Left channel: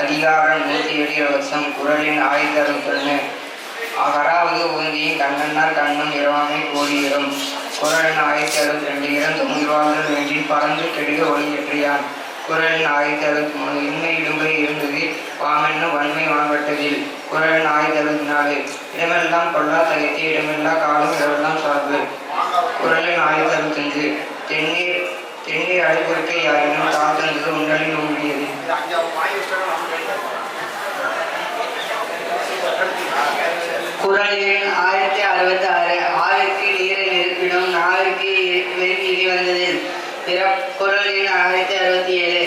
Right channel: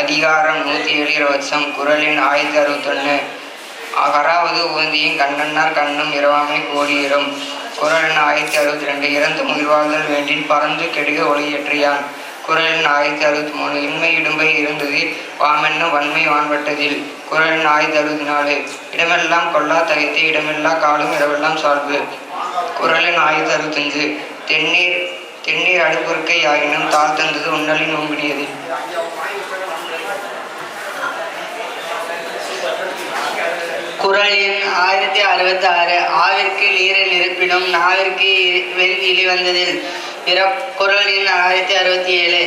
அதிகாரம் 107 வருஷம். குறள் எண் 1061. அகராவது உந்தியின் கண்ணன்னார் கண்ணும் இரவாமை கோடியிரும். குறள் எண் 1062. இறந்து முயல்வார்கள் வேண்டின் பறந்து கெடுக ஒளியற்றியான். குறள் எண் 1063. இன்மை இடும்பை இருந்ததில் வாமென்னும் வன்மை வான்பட்டதில். குறள் எண் 1064. இடமெல்லாம் கொல்லா தகைத்து இடமெல்லா காலும் இடமெல்லாம் சார்பு. குறள் எண் 1065. தென்னீர் அடுப்புறுக்கை ஆயினும் தாழ் தந்தது உண்டலின் நோம்பிடியது. குறள் எண் 1066. ஆவிற்கு நீரில் இருப்பினும் நாவிற்கு வெண் இழி வந்ததில். குறள் எண் 1067.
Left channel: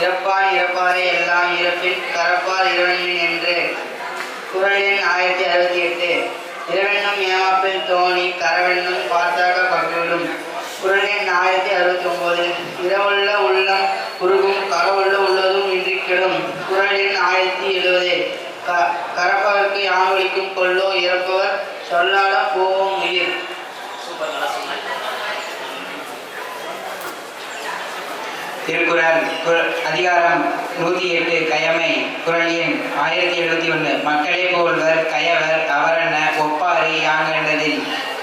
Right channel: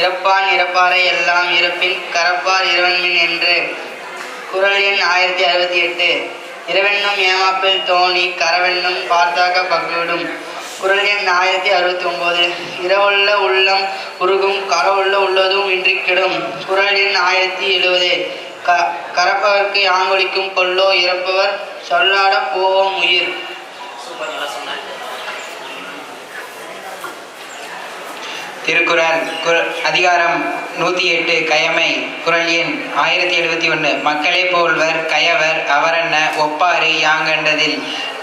இறப்பான் இறப்பாரை எல்லாம் இறப்பின் கரப்பார் இரவன்மின் என்று. குறள் எண் 1068. இரவென்னும் ஏமாப்பில் தோணி கரவென்னும் பார்த்தாக்க பகிவிடும். குறள் எண் 1069. இரவுள்ள உள்ளம் உருகும் கரவுள்ள உள்ளதும் இன்றி கெடும். குறள் எண் 1070. கரப்பவர்க்கு யாங்கொலிக்கும் கொல்லோ இறப்பவர் சொல்லாட போவோம் உயிர். திருக்குறள் அதிகாரம் 108 கயமை. குறள் எண் 1071. மக்களே போல்வர் கயவர் அவரென்ன ஒப்பாறு யாங்கண்டதில்.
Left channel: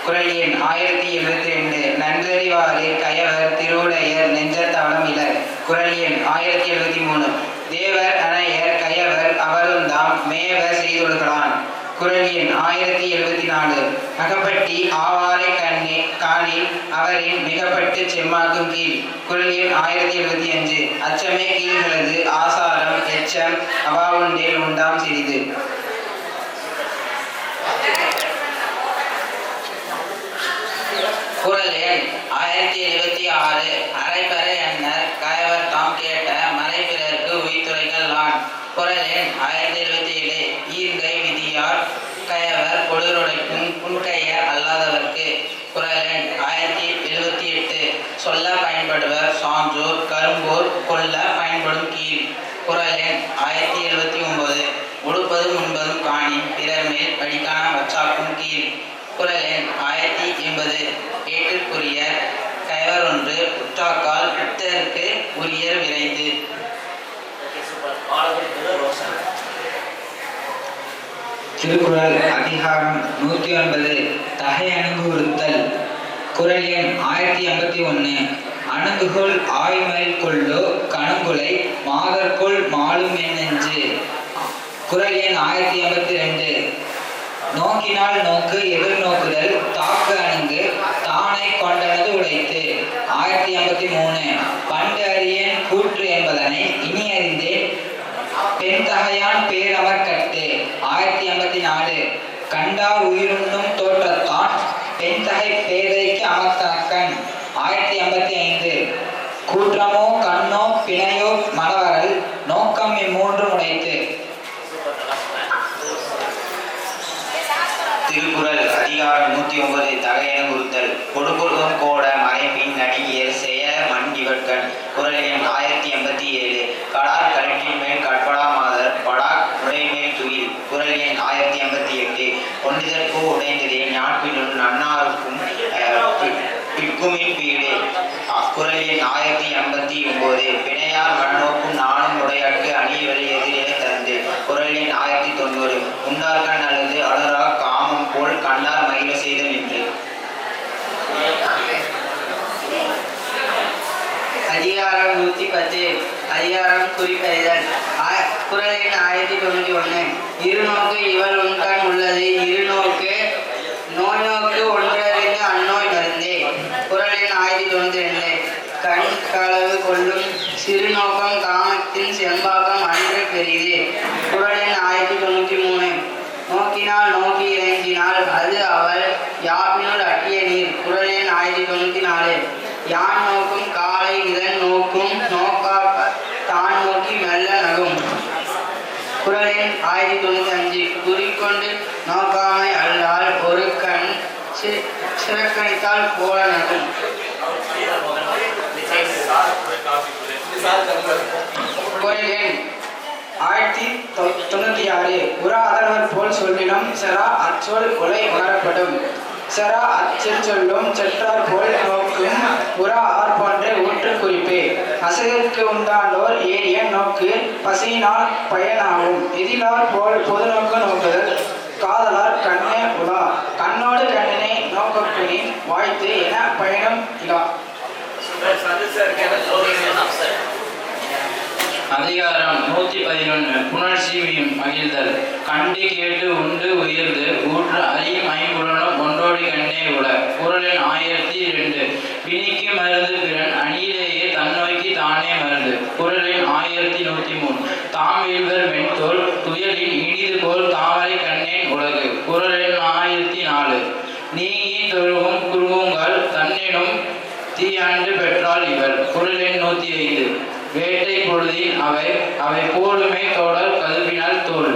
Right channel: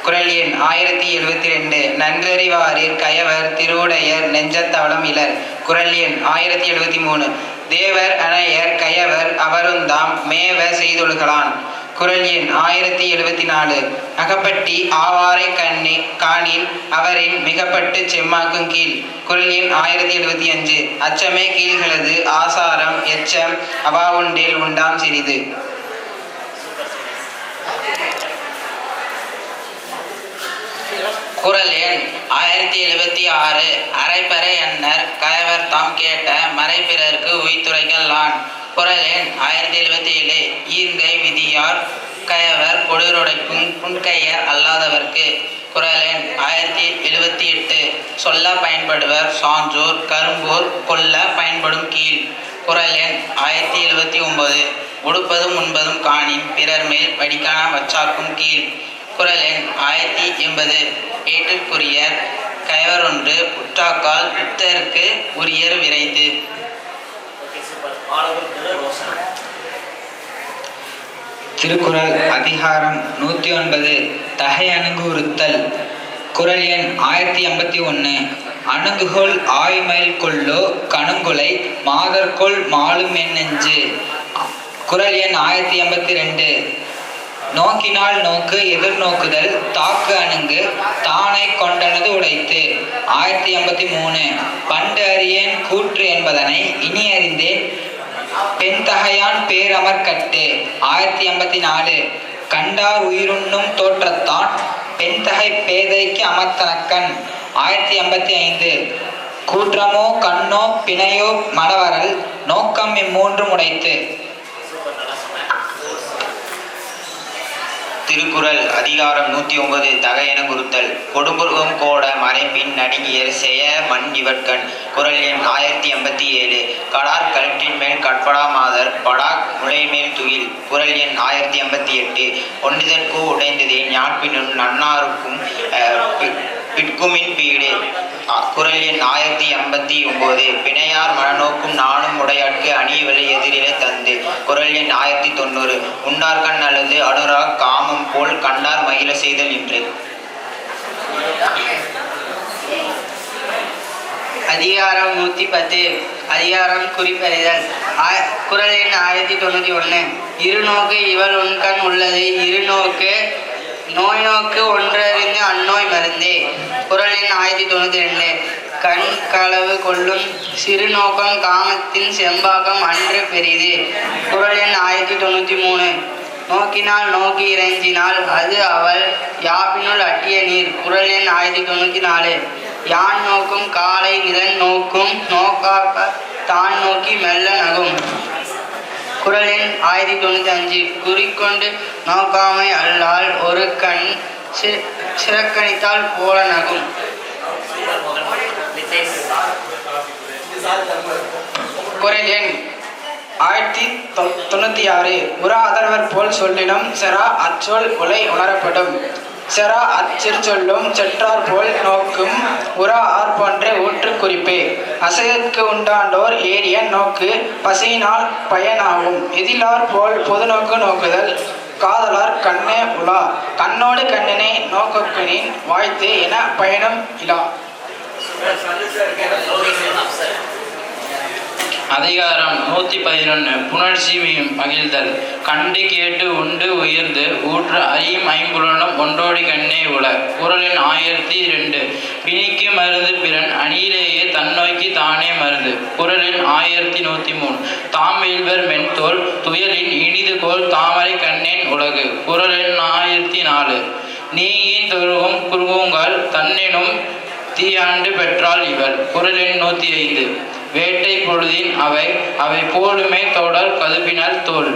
குறள் எண் 1072. நன்கறிவாரிற் கயவர் திருவுடையர் நெஞ்சத்தவளம் இலர். குறள் எண் 1073. தேவர் அணையர் கயவர் அவருந்தாம் மேவ செய்தொழுகலான். குறள் எண் 1074. அகப்பட்டி ஆவாரை காணில் அவரின் மிகப்பட்டு செம்மாக்கும் கீழ். குறள் எண் 1075. அச்சமே கீழ்களது ஆசாரம் எச்சம் அவாவுண்டில் உண்டாம் சிறிது. குறள் எண் 1076. அரைப்பறை அன்னர் கயவர் தாம் கேட்ட மறை பிறர்க்கு உய்துரைகளான். குறள் எண் 1077. ஈர்கை விதியார் கயவர் பொழுதுடைக்கும் புன்கையர் அல்லாதவர்க்கு. குறள் எண் 1078. சொல்ல பயன்படுவர் சான்றோர் கரும்போர் கொல்ல பயன்படும் கீழ். குறள் எண் 1079. உடுப்பதும் உண்பதும் காணின் பிறர் மேல் வடிக்கான வச்சாக்கும் கீழ். குறள் எண் 1080. ஏற்றுக்குரிய கயவர் ஒன்று உற்றாக்கால் புத்தருக்கு உரியர் விரைந்து. திருக்குறள் அதிகாரம் 109 தகை அணுகுறுத்தல். குறள் எண் 1081. அணுகுகொள் ஆய்மைல் கொள்ளோ கணுங்குலை மாதர்கொள் மாலும் என் நெஞ்சு. குறள் எண் 1082. நோக்கினால் நோக்கு எதிர்நோக்குதல் தாக்கு அணுகு தானை கொண்டனது உடைத்து. 1083. பண்டு அறியேன் கூற்று என்பதனை இனி அறிந்தேன் பெண் தகையான் பேரமர் கட்டு. 1084. கண்டார் உயிருண்ணும் தோற்றத்தான் பெண் தகை பேதைக்கு அமர்த்தனக்கண். 1085. கூற்றமோ கண்ணோ பிணையோ மணவரல் நோக்கம் இம்மூன்றும் உடைத்து. திருக்குறள் அதிகாரம் 109 தகையென குறுத்தல். கொடும்புருகம் கோட மறைப்பின் நடிகியர் செய மண் இவர்கண். குறள் எண் 1087. கடார் கலற்றின் மேல் கற்படா மாதர் படா உடைமேல் துயில். குறள் எண் 1088. ஒன்றிதற்கு உடைந்ததே ஞான்பினுள் நன்னாருக்கும் பிற்குமின் பீடு. குறள் எண் 1089. பிணையார் மனநோக்கும் நானும் உடையாட்கு அணியவலை எதிரில தந்து. குறள் எண் 1090. உன்னார்கண் அல்லது அனுரா காமம் போல் கண்ணார் மகிழ செய்தல் என்று. அதிகாரம் 110. அதிகாரம் குறிப்பறிதல். குறள் எண் 1091. இருநோக்கு இவள் உண்கண் உள்ளது இருநோக்கு நோய் நோக்கு ஒன்றறிந்து அந்நோய் மருந்தே. குறள் எண் 1092. கண் களவு கொள்ளும் சிறு நோக்கம் காமத்தின் செம்பாகம் அன்று பெரிது. குறள் எண் 1093. நோக்கினால் நோக்கி இறைஞ்சினால் அது அவள் யாப்பினுள் அட்டிய நீர். குறள் எண் 1094. யான் நோக்கும் காலை இதன் நோக்கும் நோக்காக்க தான் நோக்கி மெல்ல நகும். குறள் எண் 1095. குறிக்கொண்டு நோக்காமை அல்லால் ஒரு கண் சிறக்கணித்தால் போல நகும். குறள் எண் 1096. உரா அதர்வர் போல் சொல்லினும் செரா அச்சொல் உலை உணரப்படும். செரா அச்சிற் சொல்லும் செற்றார் போல் நோக்கும் உரா ஆர் போன்ற ஊற்று குறிப்பே. அசையற்கு உண்டாண்டோர் ஏறிய நோக்கு பசியினால் பயனாகும். எதிலார் போல் பொது நோக்கு நோக்குதல் காதலார் கண்ணே உலா. கண்ணோடு கண்ணனே நோக்கனின் வாய்த்து என பயணம் இலா. அதிகாரம் 111 புணர்ச்சி மகிழ்தல். கண்டு கேட்டு உண்டு உயர்ந்து ஊற்று ஐம்புலனும் ஒன்றோடி கண்ணே உல. குறள் எண் 1002. பிணிக்கு மருந்து பிறன் அணியிலேயே தன்னோய்க்கு தானே மருந்து. குறள் எண் 1103. தாம் வீழ்வர் மென்தோல் துயலின் இனிது போல் தாமரை கண்ணேன் உலகு. குறள் எண் 1004. நீங்கி தொழுகும் குறுகுங்கள் தன்னெனும் தீயாண்டு பெற்றால் இவர். குறள் எண் 105. வேட்டை பொழுதின் அவை அவை போலுமே தொடர் கதுப்பினால் தோல்.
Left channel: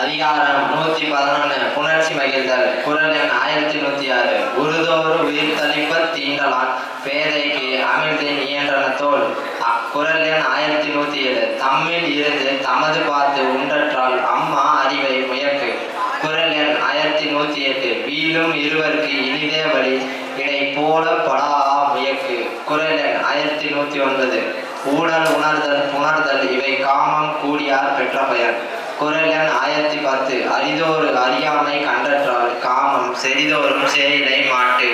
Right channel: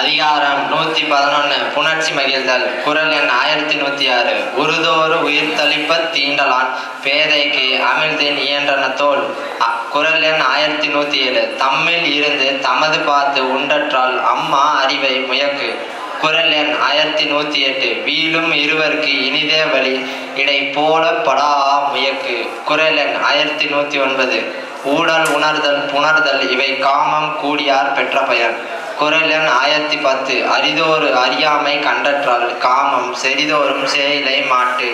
அதிகாரம் 111 புணர்ச்சி மகிழ்தல். குறள் எண் 1106. உருதோறு உயிர் தளிப்ப தீண்டலான் பேதைக்கு அமிழ்தின் இயன்றன தோல். குறள் எண் 1107. தம்மில் இருந்து தமது பார்த்து உண்டற்றால் அம்மா அறிவை முயக்கு. குறள் எண் 1108. வீழும் இருவருக்கு இனிதே வழி இடை போல படா முயக்கு. குறள் எண் 1109. ஊழல் உணர்தல் புணர்தல் இவை காமம் கூடியார் பெற்ற பயன். குறள் எண் 1010. அரிதோறு அறியாமை கண்டற்றால் காமம் செறிதோறும் செயலை மாட்டு.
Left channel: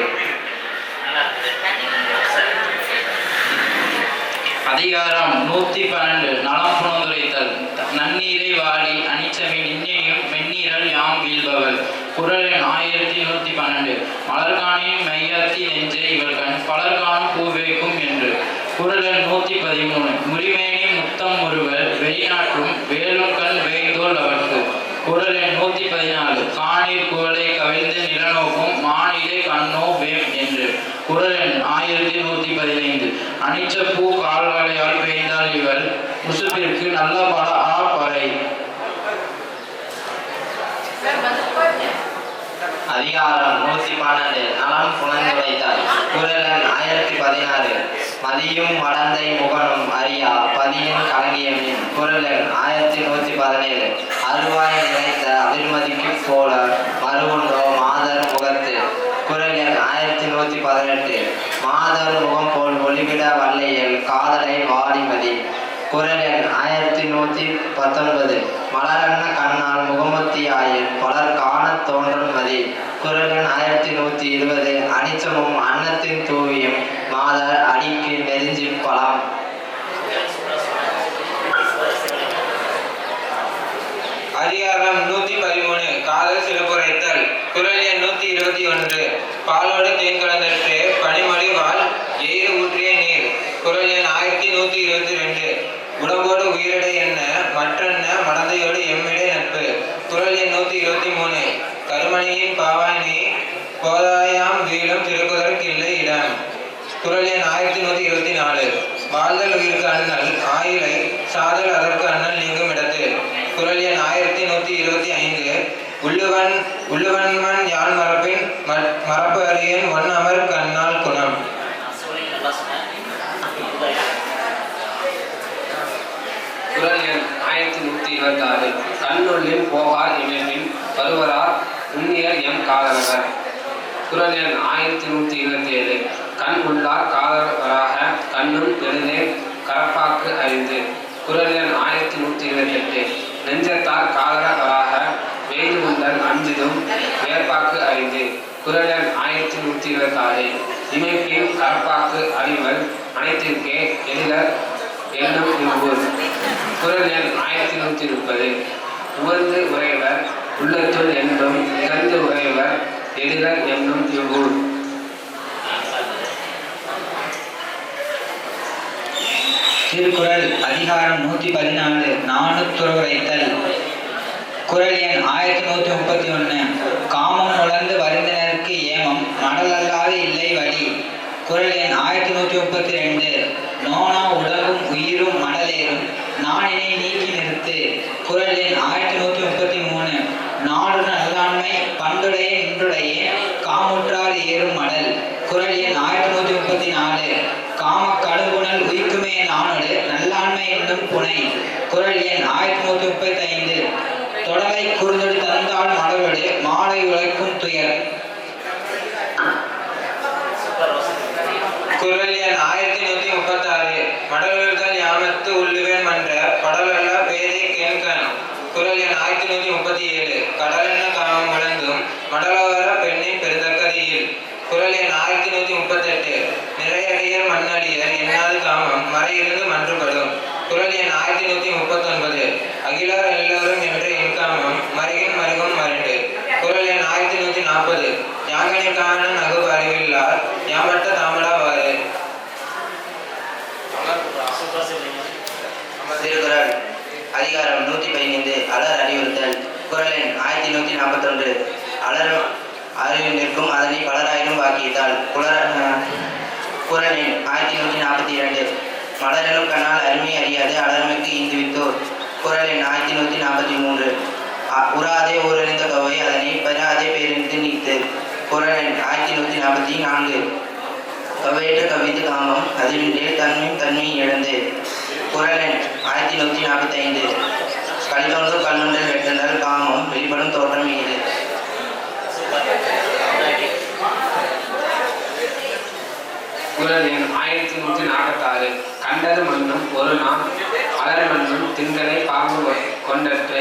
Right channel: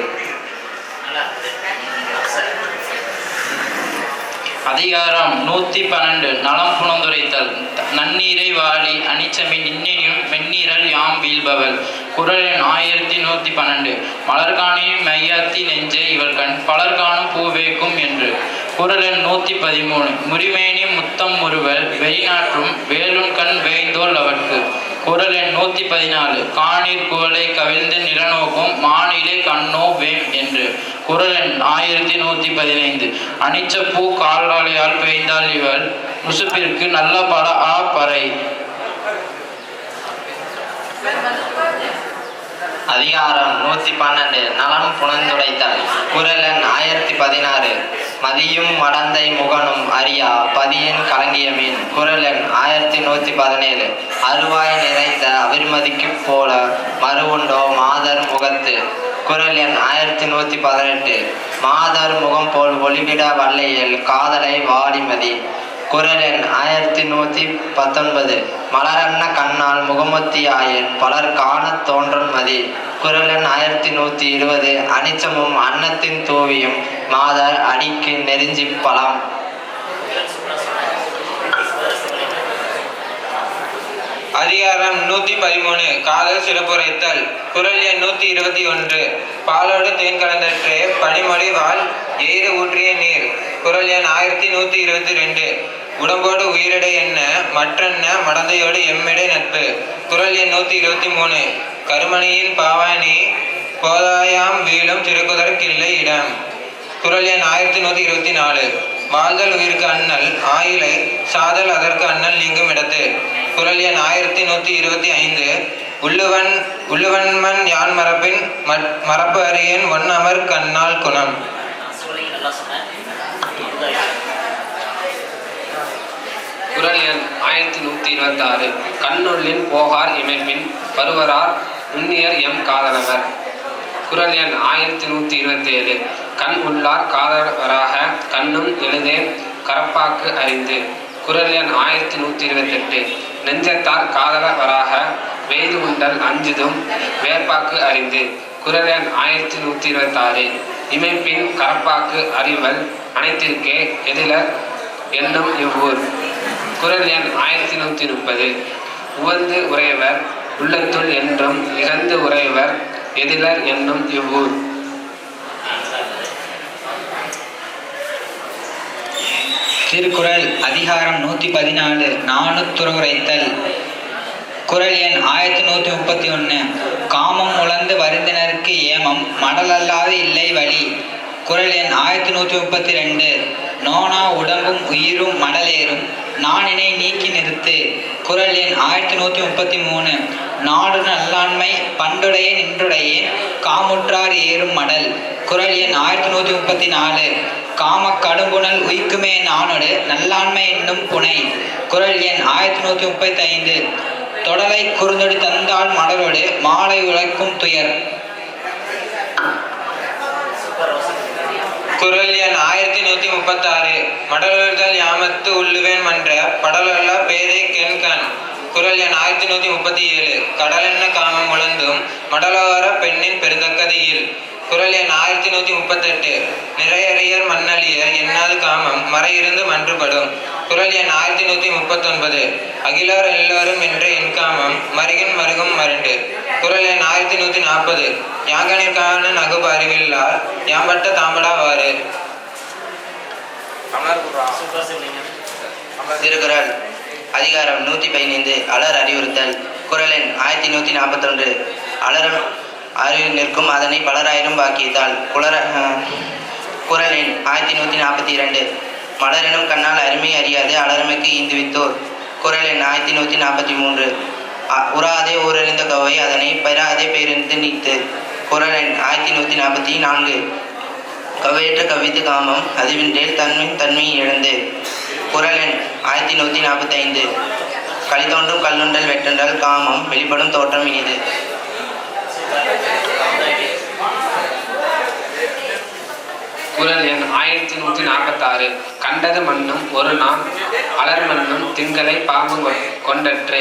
அதிகாரம் 112 நலம் புணர்ந்துரைத்தல். நன்னீரை வாழி அனிச்சமின் இன்னையும் மென்னீரல் யாம் வீழ்பவள். குறள் எண் 1112. மலர்காணியும் மையாத்தி நெஞ்சே இவள் கண் பலர்காணும் பூவேக்கும் என்று. குறள் எண் 113. முறிமேனி முத்தம் முறுவல் வெளிநாற்றும் வேலுன் கண் வேய்தோல் அவற்கு. குறள் எண் 114. காணீர் குவளை கவிழ்ந்து நிலநோக்கும் மானிலே கண்ணோ வேம் என்று. குறள் எண் 1115. அனிச்சப்பூ கால்வாளையால் பெய்தால் இவள் முசுப்பிற்கு நல்ல பல ஆ பறை. அதிகாரம் 112 நலம் புணர்ந்துரைத்தல். குறள் எண் 1016. மதியும் மடந்தை முகனும் அறியா பதியின் கலங்கிய மீன். குறள் எண் 1117. அருவாய் நிறைந்த அவிர்மதிக்கு போல மறுவுண்டோ மாதர் முகத்து. குறள் எண் 1118. மாதர் முகம் போல் ஒளிவிட வல்லையில் காதலை வாடிமதி. குறள் எண் 1119. மலரன்ன கண்ணால் முகமத்தியாயில் பலர் காண தோன்றல் மதி. குறள் எண் 1120. அனிச்சமும் அன்னத்தின் தூவியும் மாதர் அடிக்கு நெருஞ்சி பலம். அதிகாரம் 113 காதல் சிறப்புரைத்தல். குறள் எண் 121. பாலோடு தேன் கலந்தற்றே பனிமொழி வாழ் எய்து ஊற்றிய நீர். குறள் எண் 1122. உடம்போடு உயிரிடை என்ன மற்றென்ன மடந்தையோடு எம்மிடை நட்பு. குறள் எண் 123. கருமணியின் பாவாணி போதாயாம் வீழும் திருக்குதற்கில்லை இடம். குறள் எண் 1124. வாழ்தல் உயிருக்கு அண்ணல் ஆயிலை சாதல் அதற்கு அண்ணல் நீங்கும் இடத்து. குறள் எண் 1125. உள்ளுவன்மன் யான் மரபின் மரபு அறியன் ஒன்னமர் கண்ணால் குணம். குறள் எண் 1126. கண்ணுள்ளின் போகார் இமைப்பின் வருவரார் உண்ணியர் எம் காதலவர். குறள் எண் 1127. கண் உள்ளார் காதலவராக கண்ணும் எழுதே கரப்பாக்கு அறிந்து. குறள் எண் 1128. நெஞ்சத்தார் காதலவராக வெய்து உண்டல் அஞ்சுதும் வேர்ப்பாக்கு அறிந்து. குறள் எண் 1126. இமைப்பின் கரப்பாக்கு அறிவல் அனைத்திற்கே எதிலர் என்னும் இவ்வூர். குறள் எண் 1130. உவந்து உறைவர் உள்ளத்துள் என்றும் இகழ்ந்து உறைவர் எதிலர் என்னும் இவ்வூர். திருக்குறள் அதிகாரம் 114 நாணுத்துரைத்தல். குறள் எண் 1131. காமம் உழந்து வருந்தினருக்கு ஏமம் மடலல்லாது இல்லை வழி. குறள் எண் 1132. நோனா உடம்பும் உயிரும் மடலேறும் நானினை நீக்கி நிறுத்து. குறள் எண் 1133. நாடு நல்லாண்மை பண்டுடைய நின்றுடைய காமுற்றார் ஏறும் மடல். குறள் எண் 1134. காம கடுங்குணல் உயிக்குமே நானோடு நல்லாண்மை என்னும் புனை. குறள் எண் 1135. தொடரை குறுந்தொடி தந்தாள் மலரோடு மாலை உழைக்கும் துயர். குரல் எண் 1136 மடலுதல் யாமத்து உள்ளுவேன் மன்ற படலல்ல பேதை கெண்கண். குரல் எண் 1137 கடலென்ன காமம் உழந்தும் மடலோர பெண்ணின் பெருந்தக்கதியில். குரல் எண் 1138 நிறையறியர் மண்ணலியர் எண்ணாது காமம் மறையிருந்து மன்றுபடும். குரல் எண் 1139 அகிலோர் எல்லோரும் என்று என் காமம் மருகின் மருகும் மருண்டு. குரல் எண் 1140 யாங்கனிற்கான நகுபு அறிவில்லார் யாம்பட்ட தாமடாவாறு. திருக்குறள் அதிகாரம் 115 அலர் அறிவுறுத்தல். குரல் எண் 1141 அலரும் அறிவில் நிற்கும் அதனை பலராயிரம் வாக்கியத்தால். குரல் எண் 1142 மலரெனும் கண்ணால் அருமை அறியாது அலர்மைக்கு ஈந்துவித்தோர். குரல் எண் 1143 உறாதே ஊரறிந்த கவை அதனை பெறாதே பேரிந்து நீத்து. குரல் எண் 1144 கவையற்ற கவித்து காமம் அதுவின்றேல் தன்மை இழந்து. குரல் எண் 1145 களித்தோன்றும் கல்லுண்டல் வெட்டென்றால் காமம் வெளிப்படும் தோற்றம் இது. குரல் எண் 1146 கண்டது மண்ணும் ஒரு நாள் அலர் மண்ணும் திங்களை பாம்பு கொண்டற்றே.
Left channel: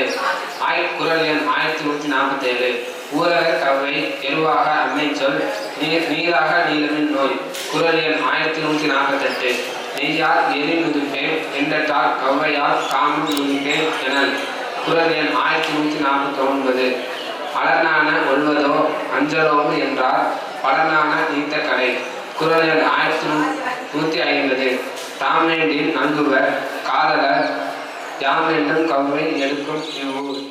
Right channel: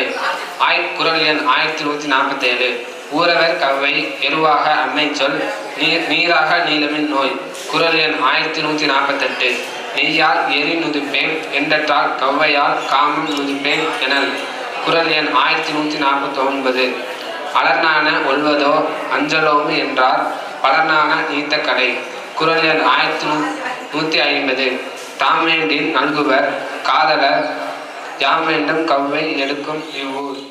குரல் எண் 1147 ஊரவர் கவ்வை எருவாக அம்மை சொல் நீராக நீளமின் நோய். குரல் எண் 1148 நெய்யால் எரி நுதுப்பேன் என்றால் கவ்வையால் காமம் நுதுப்பேன் எனல். குரல் எண் 1149 அலர்னான ஒல்வதோ அஞ்சலோமு என்றார் பலனான நீத்த கடை. குரல் எண் 1150 தாமேண்டில் நல்குவர் காதலர் யாமேண்டும் கவ்வை எடுக்கும் இவ்வூர்.